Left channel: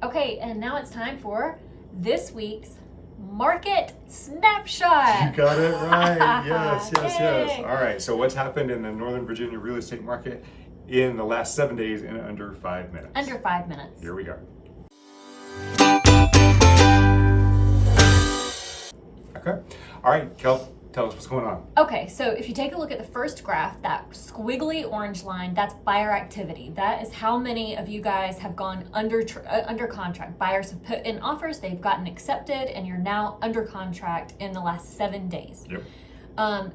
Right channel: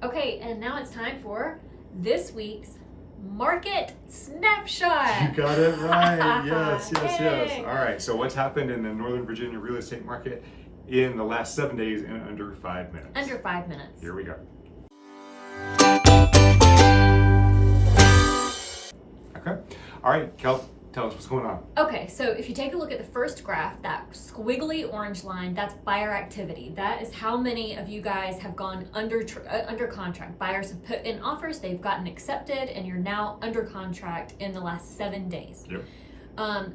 Okay, and now it's time for this week's Market Snapshot. You got it right. Yes. Yay. All right. So what's happened in the Northern Virginia real estate market in the last 7 days in under 5 minutes? Under 5 minutes. Here we go. Okay. All right, Kel, tell us what's going on. Okay, so if you take a look at the first graph, that squiggly orange line, that's buyer activity. That is how many of you guys have gone under contract. Buyers have put in offers, they've gotten accepted, and you're now under contract in the last 7 days. Yep.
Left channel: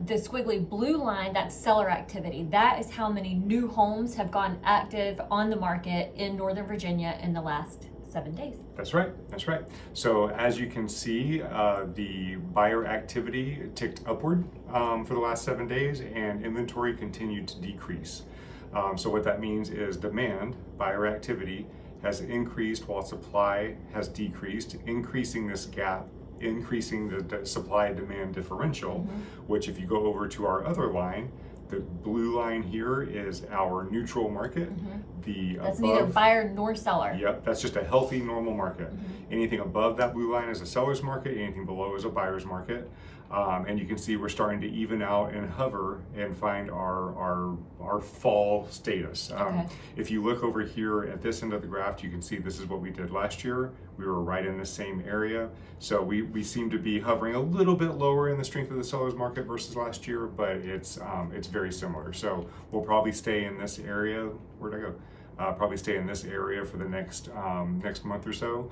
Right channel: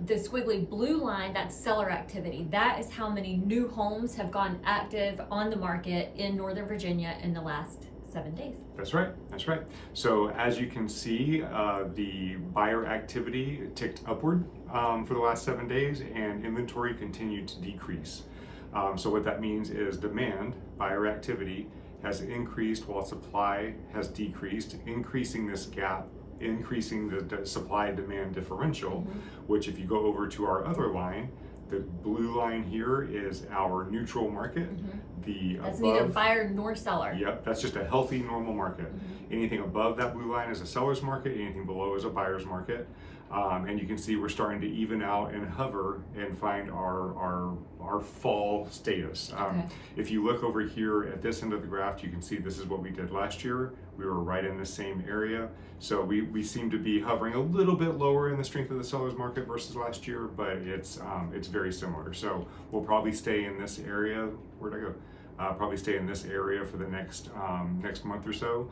The squiggly blue line, that's seller activity. That is how many new homes have gone active on the market in Northern Virginia in the last 7 days. That's right. So as you can see, the buyer activity ticked upward for the last 7 days, and inventory continued to decrease. So what that means is demand, buyer activity, has increased while supply has decreased, increasing this gap, increasing the supply-demand differential, which if you go over to our other line, the blue line here is our neutral market. That's neither buyer nor seller. Yep, that's just a healthy, normal market. Anything above that blue line is a seller's market, anything below is a buyer's market. And you can see we're starting to even out and hover and find our fall status. If you look over here at this end of the graph, you can see this is what we did last year. We were right in the same area. So we seem to be hovering a little bit lower in the strength of the seller's market versus last year, but it's very similar. So we'll probably stay in this area. Where'd I go? Probably stay in this area for the next month or so.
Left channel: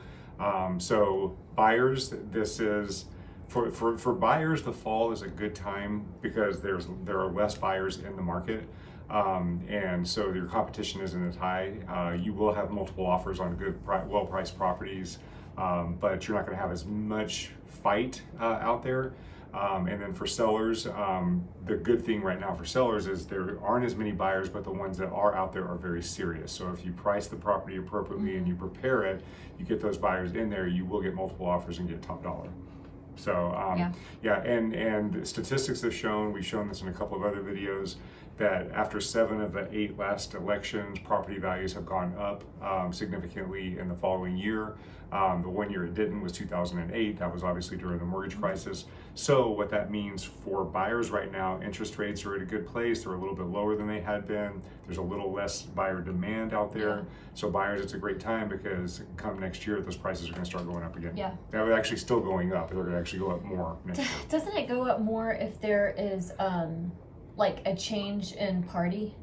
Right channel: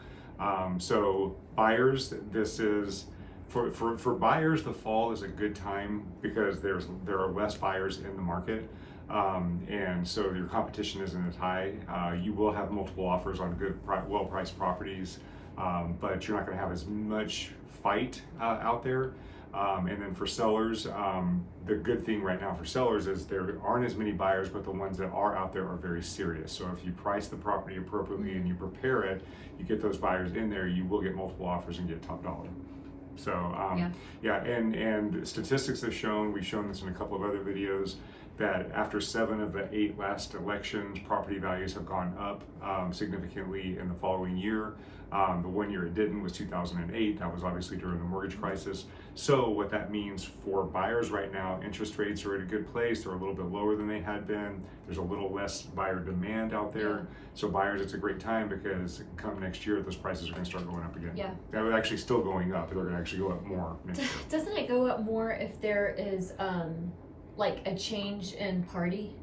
So buyers, this is for buyers, the fall is a good time because there are less buyers in the market, and so your competition isn't as high. You will have multiple offers on good, well-priced properties, but you're not going to have as much fight out there. And then for sellers, the good thing right now for sellers is there aren't as many buyers, but the ones that are out there are very serious. So if you price the property appropriately and you prepare it, you get those buyers in there, you will get multiple offers and get top dollar. So and statistics have shown, we've shown this in a couple of other videos, that after 7 of the 8 last elections, property values have gone up significantly in the following year. The one year it didn't was 2008. That was obviously during the mortgage crisis. So what that means for buyers right now, interest rates are at a good place. They're a little bit lower than they had been. There's a little less buyer demand out there. So buyers, it's a great time because come next year, those prices are going to start going up again. They're actually still going up. They're going to actually go up more next year. Doesn't it go up more if there is like a change in party?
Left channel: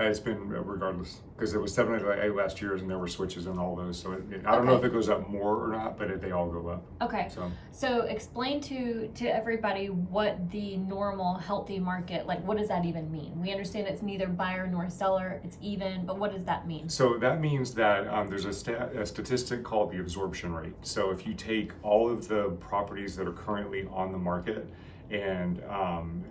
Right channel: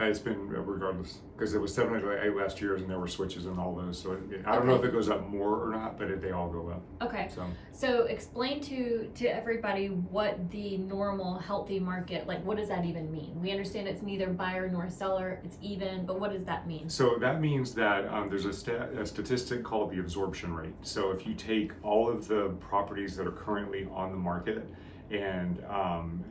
It's been regardless, because it was 7 of the 8 last years and there were switches in all those. So I don't know if it goes up more or not, but they all go up. Okay. So explain to everybody what the normal healthy market, like what does that even mean? We understand it's neither buyer nor seller, it's even, but what does that mean? So that means that there's a statistic called the absorption rate. So if you take all of the properties that are currently on the market and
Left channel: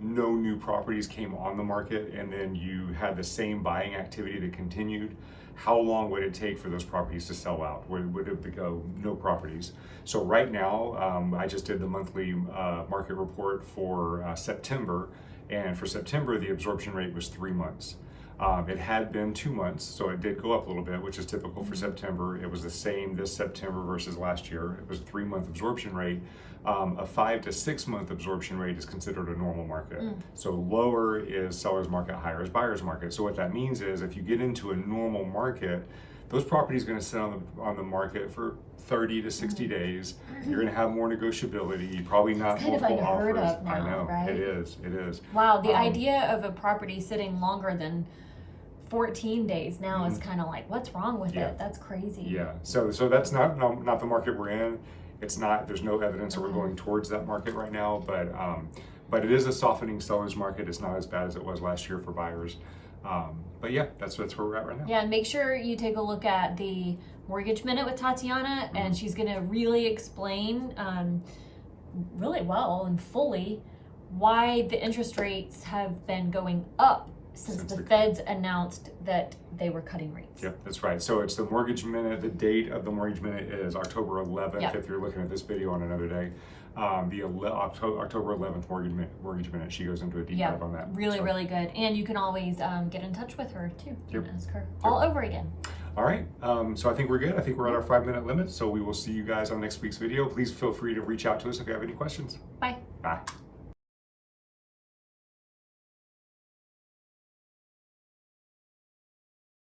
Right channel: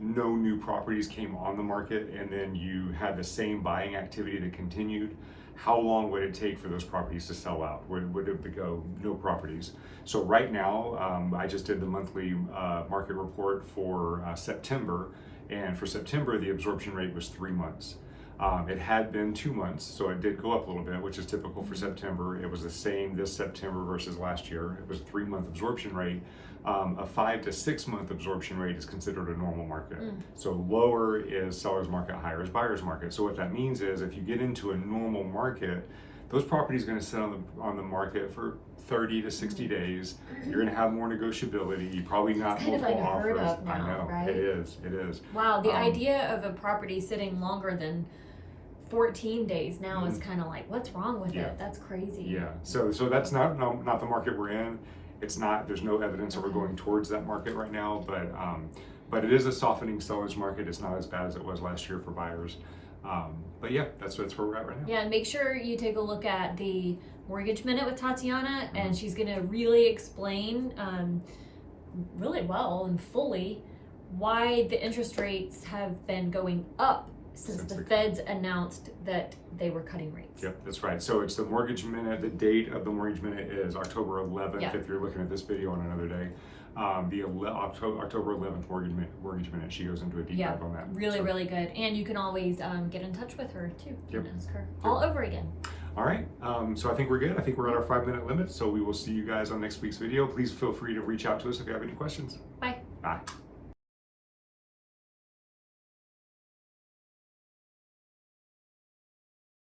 no new properties came on the market, and then you had the same buying activity that continued, how long would it take for those properties to sell out? Would it go no properties? So right now, I just did the monthly market report for September, and for September, the absorption rate was 3 months. It had been 2 months, so it did go up a little bit, which is typical for September. It was the same this September versus last year. It was a 3-month absorption rate. A 5 to 6 month absorption rate is considered a normal market. So lower is seller's market, higher is buyer's market. So what that means is if you get into a normal market, those properties are going to sit on the market for 30 to 60 days. You're going to have more negotiability, probably not multiple offers. Of now, I know, right? It is. Wow, the idea of a property sitting longer than 14 days now is kind of like, what's wrong with it? That's crazy. Yeah, so that's not the market we're in. It's not, there's no evidence that we're going towards that market right now, but it is a softening seller's market. It's not as bad as it was last year for buyers. But yeah, that's where we're at right now. Yeah, and make sure you take a look at the Mortgage Minute with Tatiana, and she's going to really explain really well and fully why the interest rates have been going up since the Feds announced that they were cutting rates. Yep, that's right. So it's the Mortgage Minute. The date of the Mortgage Minute is October 11th, if you're looking at this video on another day. The October 11th Mortgage Minute, she goes into a deep dive on that. Really good. And you can always get in touch with her too and ask her all over again. All right, so I think we're good. I think we're at our 5-minute limit, so we will see you guys on next week's video. Please feel free to reach out to us if you have any questions. Bye. Bye.